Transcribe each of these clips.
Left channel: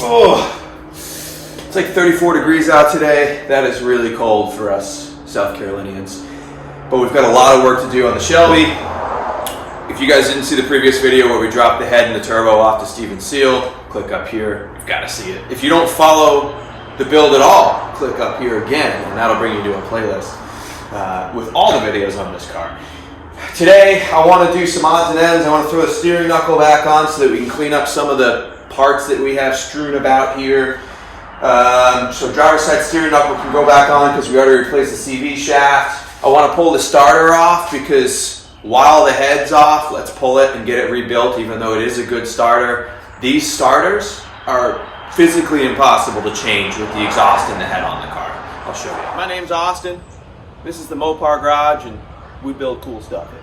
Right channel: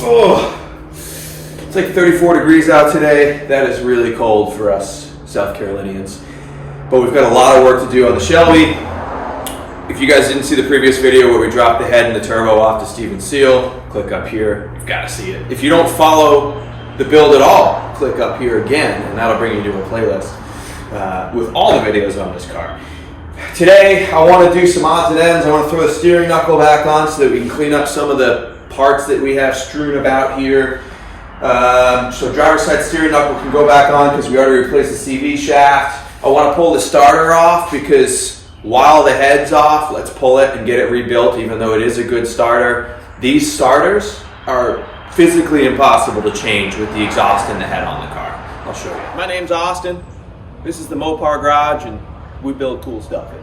Oh, it's like 34 degrees out today. That is really cold for us South Carolinians. But we've got a lot of work to do on the Shelby. If you guys didn't see the previous video where we dropped the head and the turbo off to Steven Seale, click up here. You've got to see it. If you don't follow the build at all, click up here again, and that'll bring you to a playlist with all the videos on this car. Today, I want to do some odds and ends. I want to throw the steering knuckle back on so that we can clean up some of the parts that we have strewn about here. So driver's side steering knuckle can go back on because we already replaced the CV shaft. I want to pull the starter off because while the head's off, let's pull it and get it rebuilt, even though it is a good starter. These starters are physically impossible to change with the exhaust and the head on the car. I'll show you. My name's Austin. This is the Mopar Garage, and we build cool stuff in here.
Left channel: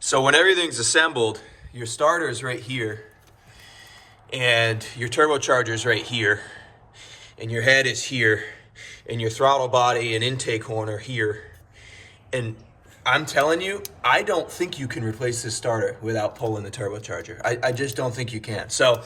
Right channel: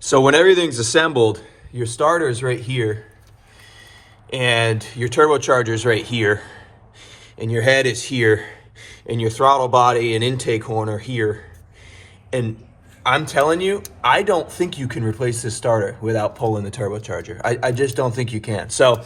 So when everything's assembled, your starter is right here, and your turbocharger is right here, and your head is here, and your throttle body and intake horn are here. And I'm telling you, I don't think you can replace this starter without pulling the turbocharger. I just don't think you can. So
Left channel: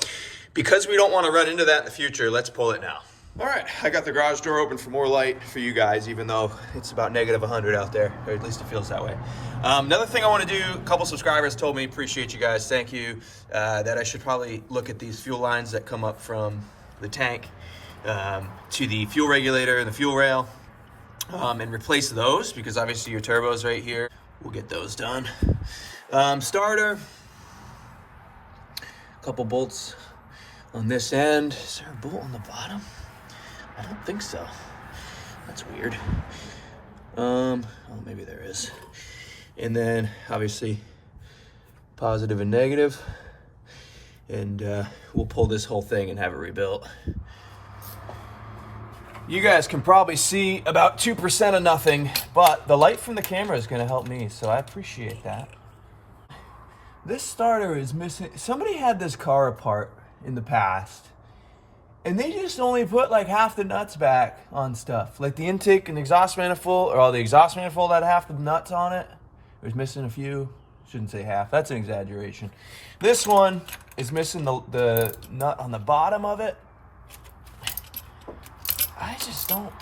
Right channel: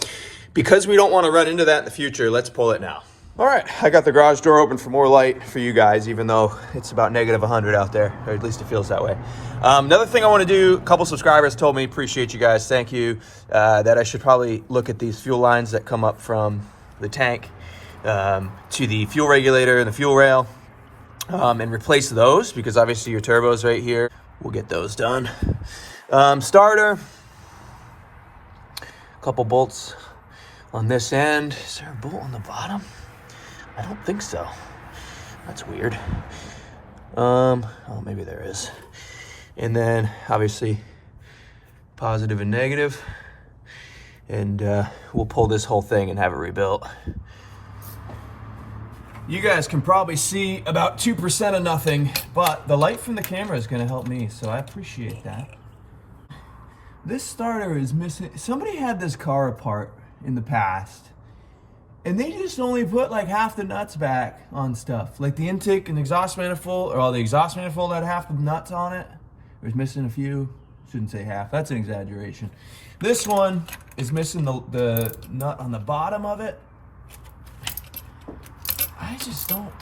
because we don't want to run into that in the future, let's pull it now. All right, I got the garage door open for more light for you guys, even though it's about -100 out there, or at least it feels that way. Another thing I want to do, a couple subscribers told me, appreciate you guys, thank you, that I should probably look at these fuel lines that come up from the tank to the fuel regulator and the fuel rail, and replace those, because obviously your turbo's right here. We'll get those done. Starter, a couple bolts on this end. Is there a bolt on the bottom? I don't think so. That's weird. Oh, maybe there is. And then obviously positive and negative. And we'll pull this whole thing and have it rebuilt. You guys can probably see about 2% of nothing, but the light from the camera is going to help me, so I appreciate that. This starter is missing. Somebody had this car apart in the past, and they just only put like half the nuts back on stuff. Like the intake and the exhaust manifold, or the exhaust manifold had half the nuts on it. It was missing a few. Shouldn't say half, that's an exaggeration. This one is missing the nut on the bottom of it. I just don't,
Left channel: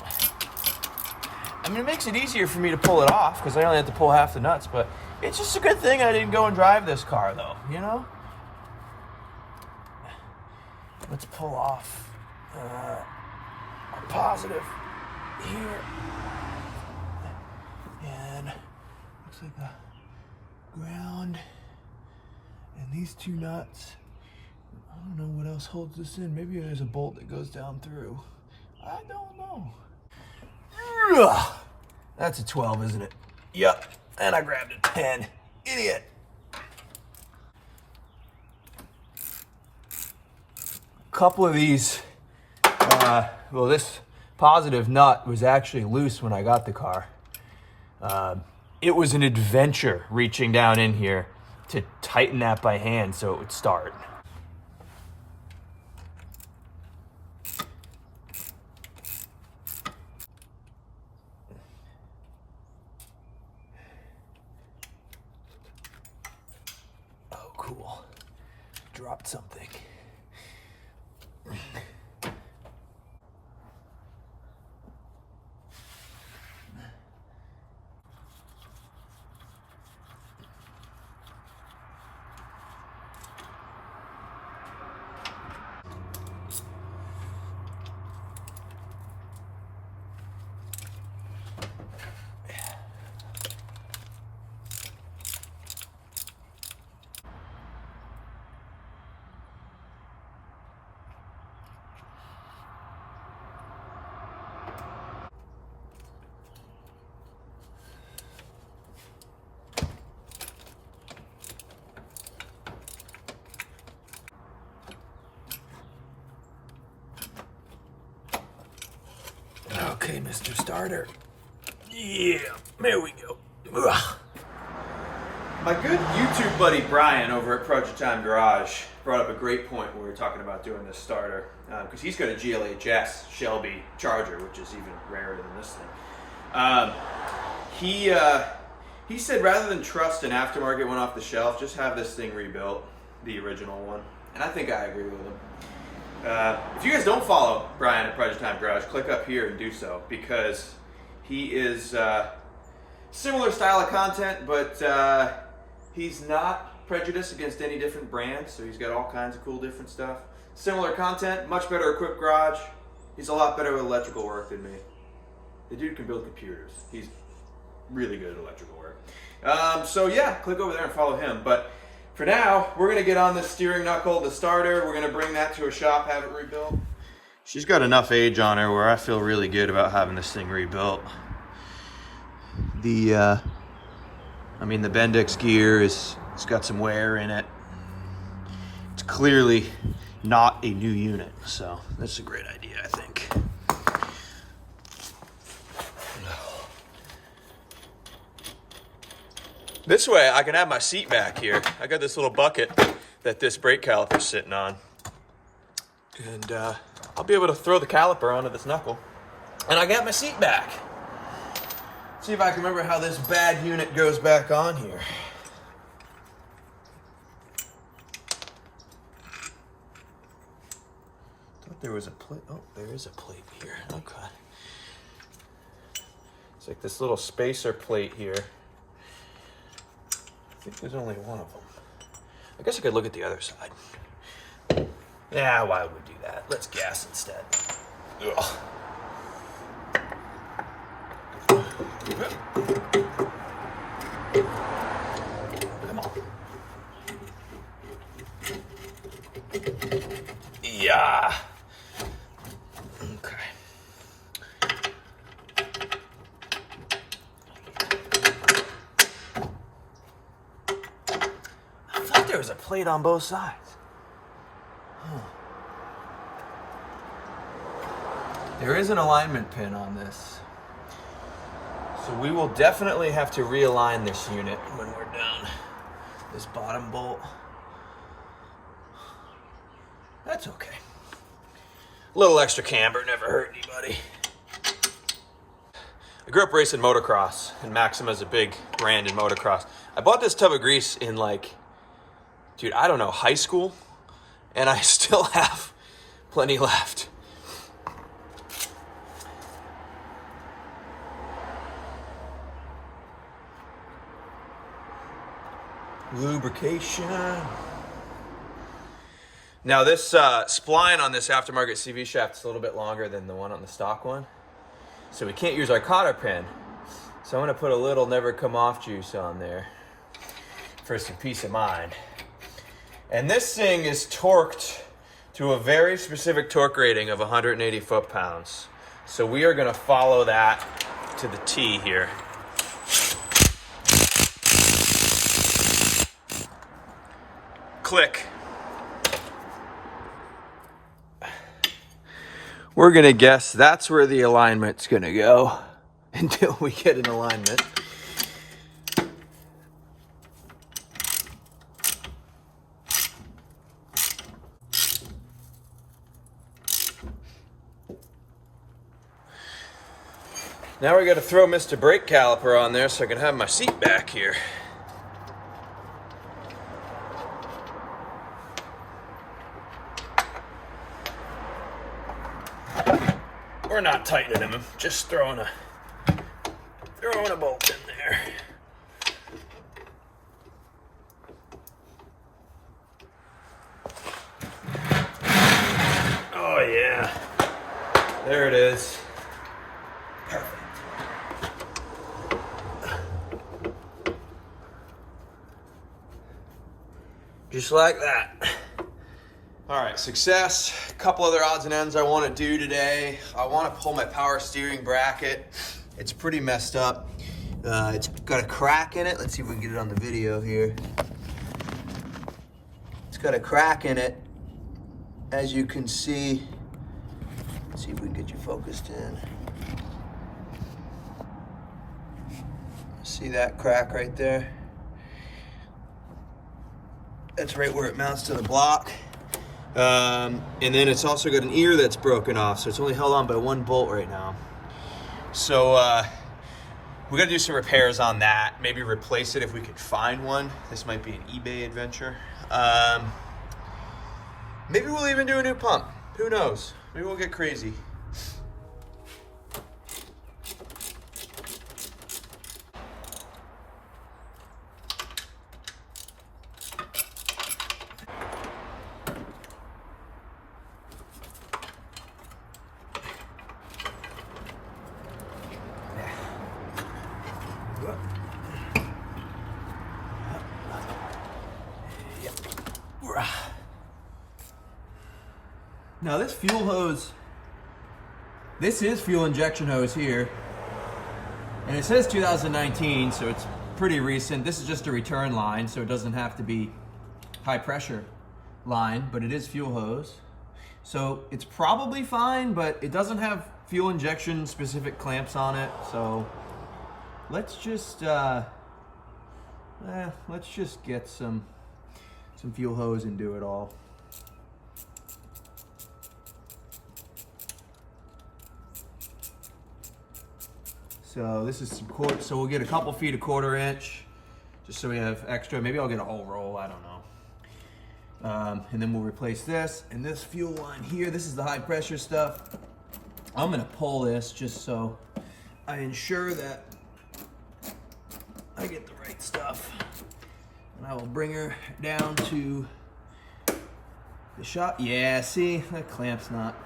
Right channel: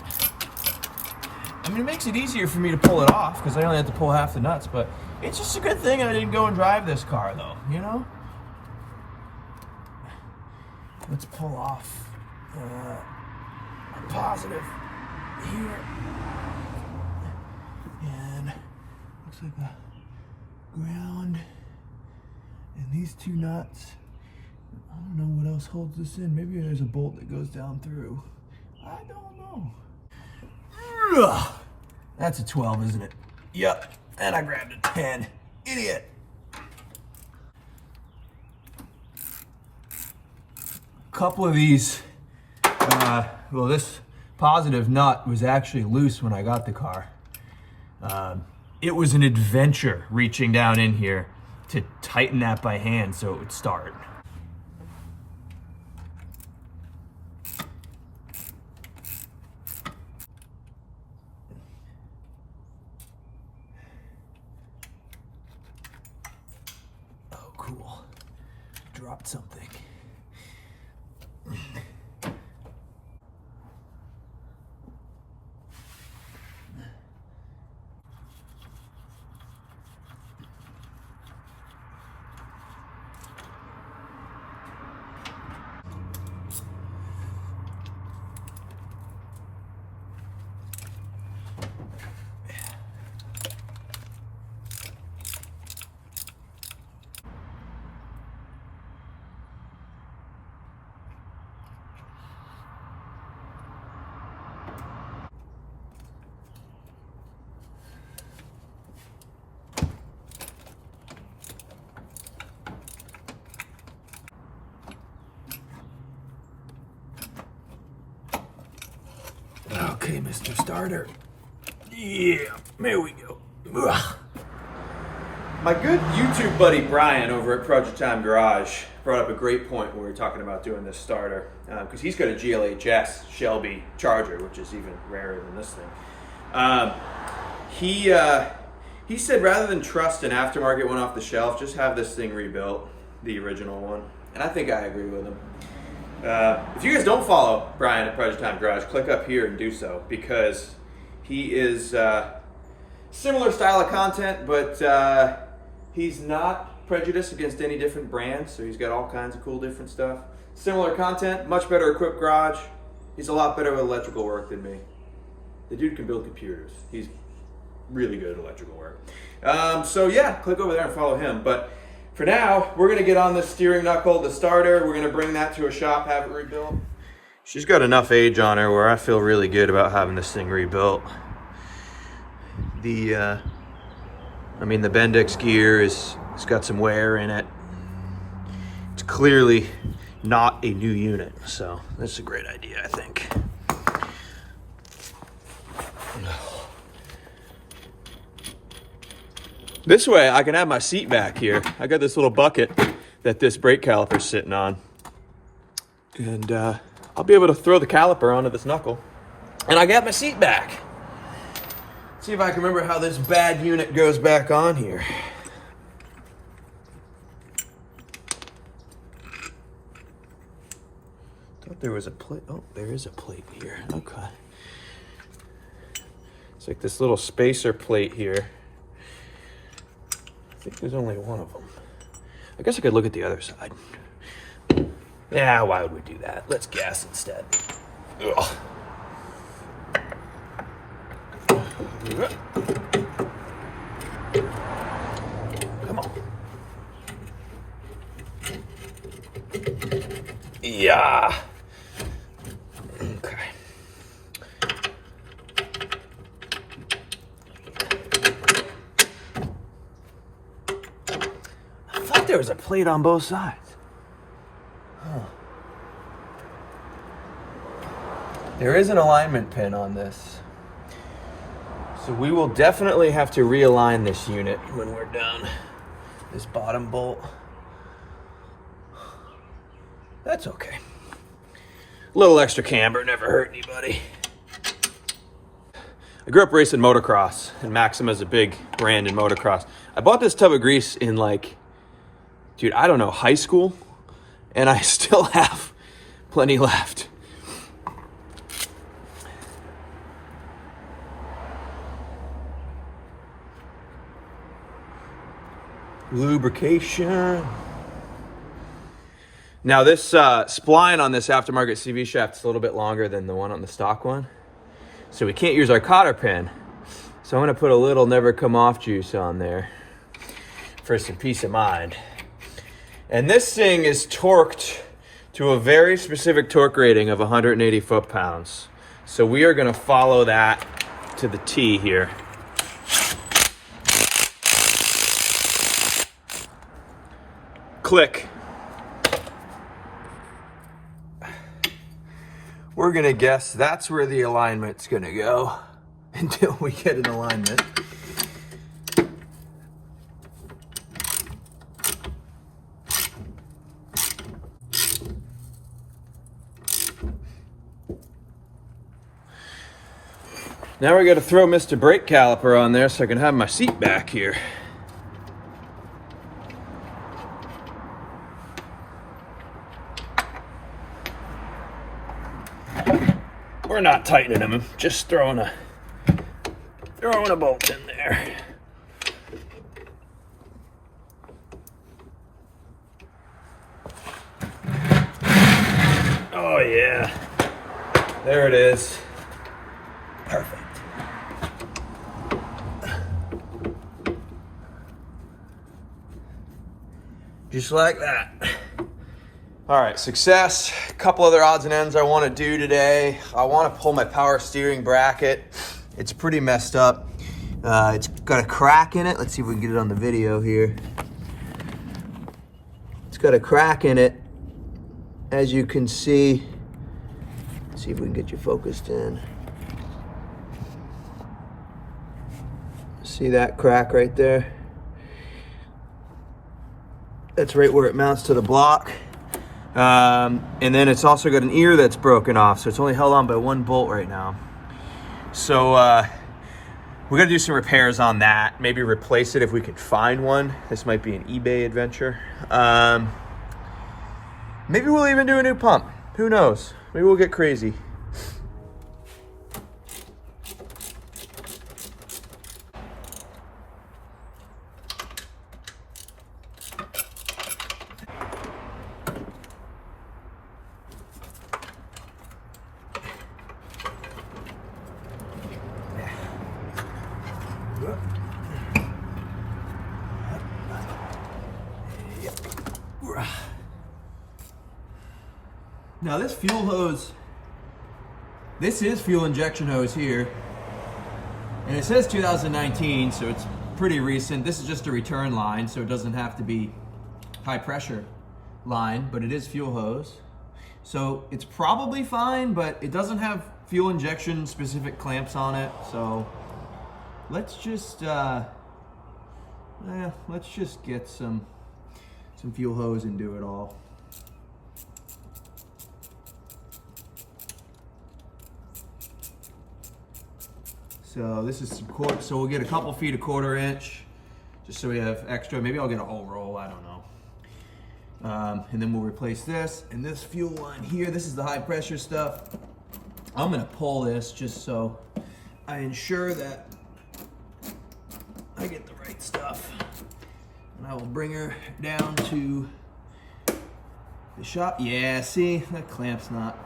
I mean, it makes it easier for me to pull it off because I only have to pull half the nuts, but it's just a good thing I didn't go and drive this car though, you know? Let's pull off our positive here. And looks like the ground and these two nuts. I don't know what else holds this in. Maybe there's a bolt that goes down through. I don't know. Ugh. That's a 12, isn't it? Yep. And I grabbed a 10. Idiot. Couple of these, well, this positive nut was actually loose when I got the car. It was an adventure reaching down in here to tighten that by hand so it would start. Oh, cool. Dropped something. Okay, Mr. Starter. Yeah, there we go. Ugh. My good YouTube buddy Brian over at Project Time Garage brought up a great point when we were talking about doing this starter, because he's got a GLHS Shelby Charger, which is even rarer than this thing. He said rather than trust an aftermarket one off the shelf, just have this thing rebuilt, the original one. And I think I agree with him. If you guys don't follow Brian at Project Time Garage, click up here and do so, because he is similar style of content, but he's not prejudiced against any different brands, so he's got all kinds of cool different stuff. Similar content, much better equipped garage. He's a lot better with electrical work than me. The dude can build computers. He's really good at electrical work. So yeah, click over there and follow him. But for now, we're gonna get on this steering knuckle, the starter. We're gonna bring that to a shop, have it rebuilt. She's got enough age on her where I feel really good about having this thing rebuilt. The Bendix gear it's got some wear in it. It's clearly not a new unit, so that's a great idea, I think. This way I can have my seat back here. I got this little bucket that this brake caliper's sitting on. And I'll be able to throw the caliper onto this knuckle. And I got my seat back. See if I can remember how this bad unit goes back on here. Thought there was a plate. Oh, there is a plate here. Okay. It's like this little spacer plate here. I think there's only one of them. I guess I could look at the other side. Yeah, why would we do that? Let's gas instead. Ugh. Come on. Yeah. Okay. I thought there was a plate on both sides. Huh. There is an alignment pin on this. So we will definitely have to realign this unit when we're done. This bottom bolt. That's okay. A little extra camber never hurt anybody. I grew up racing motocross, and Maxima's a big brand in motocross. I bought this tub of grease in high school, and I still have plenty left. Lubrication. Now this spline on this aftermarket CV shaft is a little bit longer than the one on the stock one. So we can't use our cotter pin. So I'm gonna put a little never come off juice on there for some peace of mind. And this thing is torqued to a very specific torque rating of 180 foot-pounds. So we are gonna follow that to the T here. Click. We're gonna guess that's where the alignment's gonna go until we get an alignment. Now we gotta throw Mr. Brake Caliper on there so I can have my seat back here. We're not tightening them, just throwing a bolt in there. Oh yeah, there it is. Perfect. Just like that. All right, success. A couple other odds and ends I want to do today. I want to pull my power steering bracket. It's pretty messed up. It's got a crack in it. Let's see if we can get it on the video here. It's got a crack in it, as you can see. Let's see if we can get you focused in. See that crack right there? That's right where it mounts to the block. And then it's also got an ear that's broken off, so it's only held on by one bolt right now. So we're gonna do some repairs on that. Maybe replace it if we can find one. This might be an eBay adventure. Maybe we'll even do a new pump. Who knows? Maybe we'll get crazy. Now this fuel hose, this is fuel injection hose here, and it says 2019, so it's pretty recent. This is just a return line, so it doesn't have to be high pressure line, but it is fuel hose. So it's probably fine, but it doesn't have fuel injection specific clamps on it. So let's just get some fuel hose and do it all. So this is some quarter, so we'll get a couple feet of 1/4 inch, just so we have extra. Maybe I'll get a whole roll, I don't know. And then we'll replace this, and this fuel line here, this is the high pressure stuff. I'm gonna pull this just so I ensure that I get the right stuff. And I will bring her down to the shop. Yeah, see, that clamp's not,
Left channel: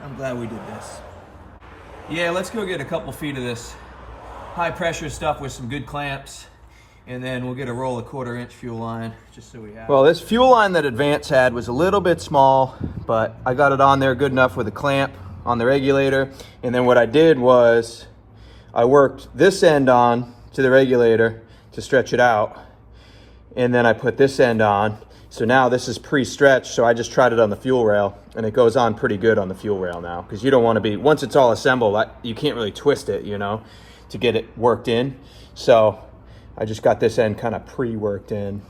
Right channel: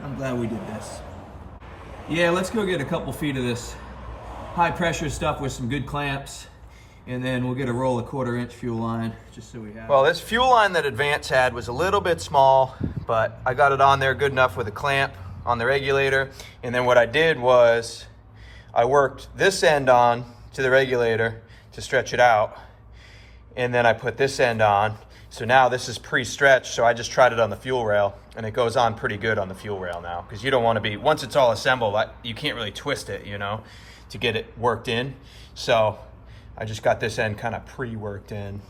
I'm glad we did this. Yeah, let's go get a couple feet of this high pressure stuff with some good clamps, and then we'll get a roll of 1/4 inch fuel line, just so we have. Well, this fuel line that Advance had was a little bit small, but I got it on there good enough with a clamp on the regulator. And then what I did was I worked this end on to the regulator to stretch it out, and then I put this end on. So now this is pre-stretched, so I just tried it on the fuel rail, and it goes on pretty good on the fuel rail now, because you don't want to be, once it's all assembled, you can't really twist it, you know, to get it worked in. So I just got this end kind of pre-worked in.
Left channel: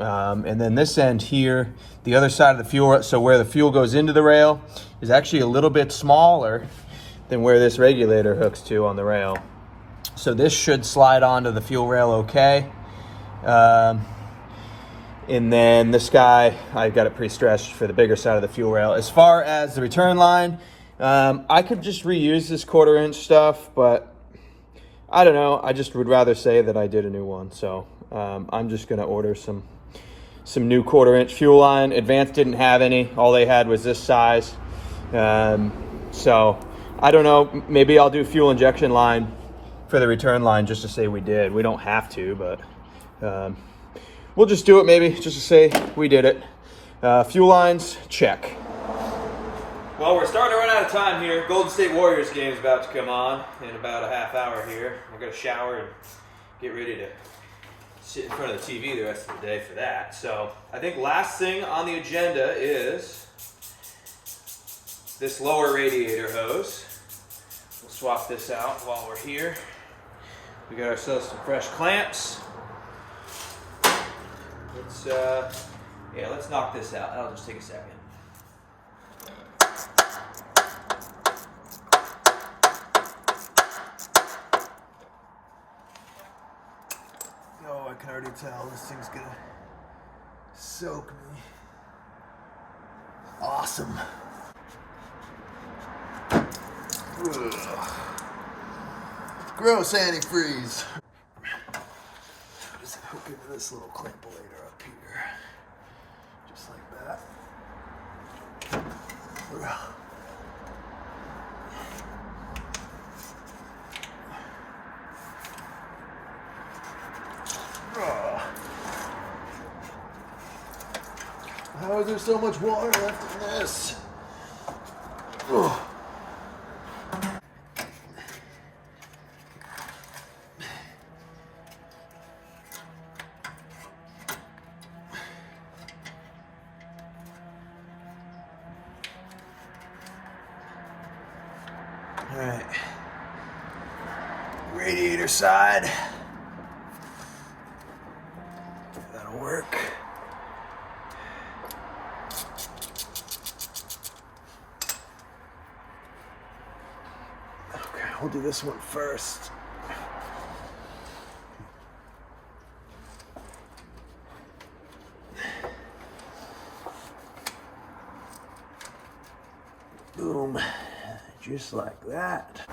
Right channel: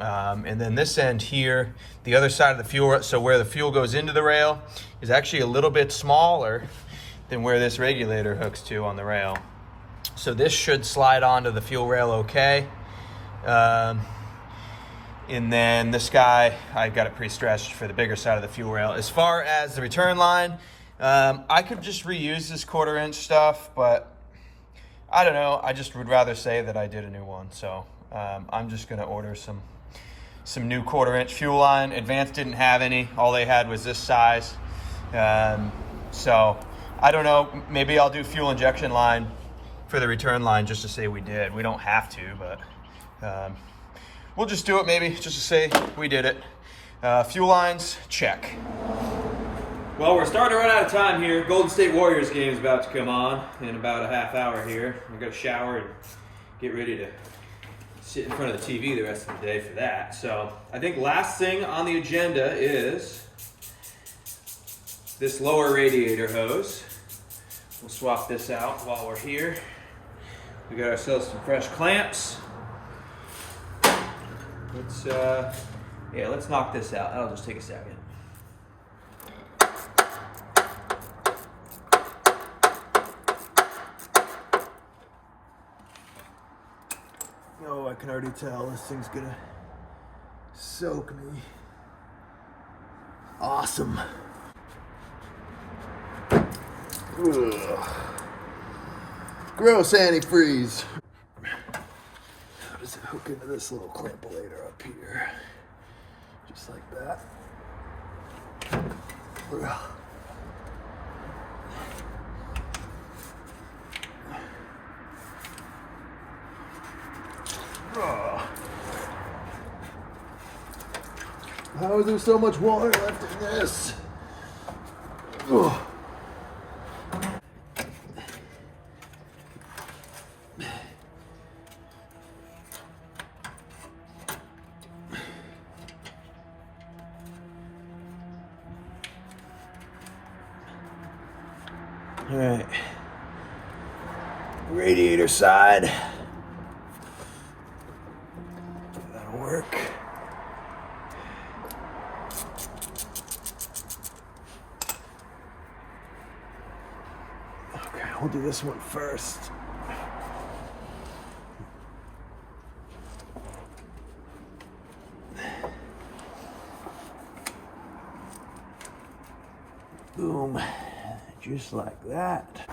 And then this end here, the other side of the fuel, so where the fuel goes into the rail is actually a little bit smaller than where this regulator hooks to on the rail. So this should slide onto the fuel rail okay. And then this guy, I got it pre-stretched for the bigger side of the fuel rail. As far as the return line, I could just reuse this 1/4 inch stuff, but I don't know. I just would rather say that I did a new one. So I'm just gonna order some new 1/4 inch fuel line. Advance didn't have any. All they had was this size. So I don't know, maybe I'll do fuel injection line for the return line just to say we did. We don't have to, but we'll just do it maybe just to say we did it. Fuel lines, check. Well, we're starting to run out of time here. Golden State Warriors game is about to come on in about a half hour here. I'm gonna shower and get ready to sit in front of the TV the rest of the day for that. So I think last thing on the agenda is this lower radiator hose. We'll swap this out while we're here. We got ourselves some fresh clamps. Let's knock this out. That'll just take a second. Oh, I can already tell this thing's gonna soak me. Awesome. Ugh. Gross antifreeze. How does it hook into this little clampulator up here? Just like that. Ugh. How is there so much water left in this? Ugh. All right, radiator side. That'll work. we'll do this one first. Boom, just like that.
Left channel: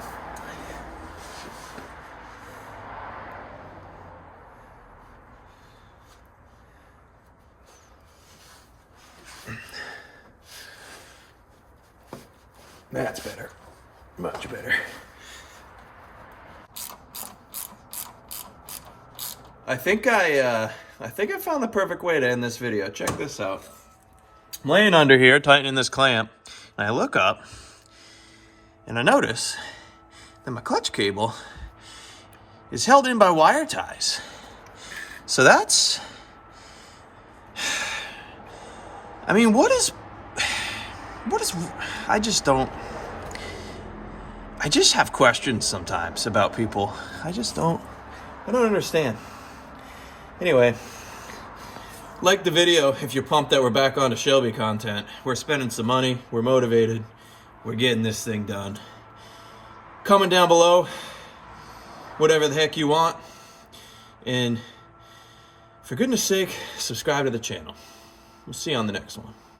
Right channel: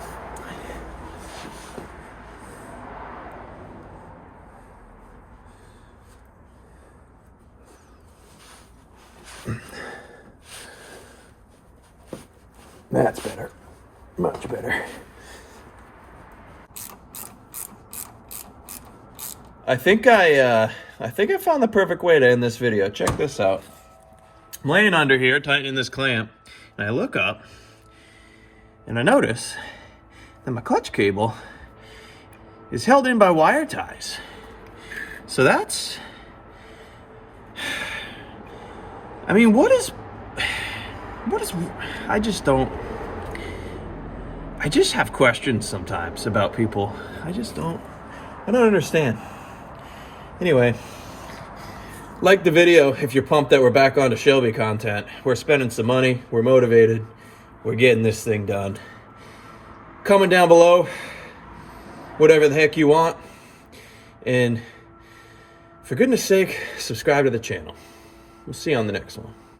That's better, much better. I think I found the perfect way to end this video. Check this out. I'm laying under here, tightening this clamp, and I look up, and I notice that my clutch cable is held in by wire ties. So that's, I mean, what is, I just have questions sometimes about people. I don't understand. Anyway, like the video if you're pumped that we're back onto Shelby content. We're spending some money, we're motivated, we're getting this thing done. Comment down below whatever the heck you want, and for goodness sake, subscribe to the channel. We'll see you on the next one.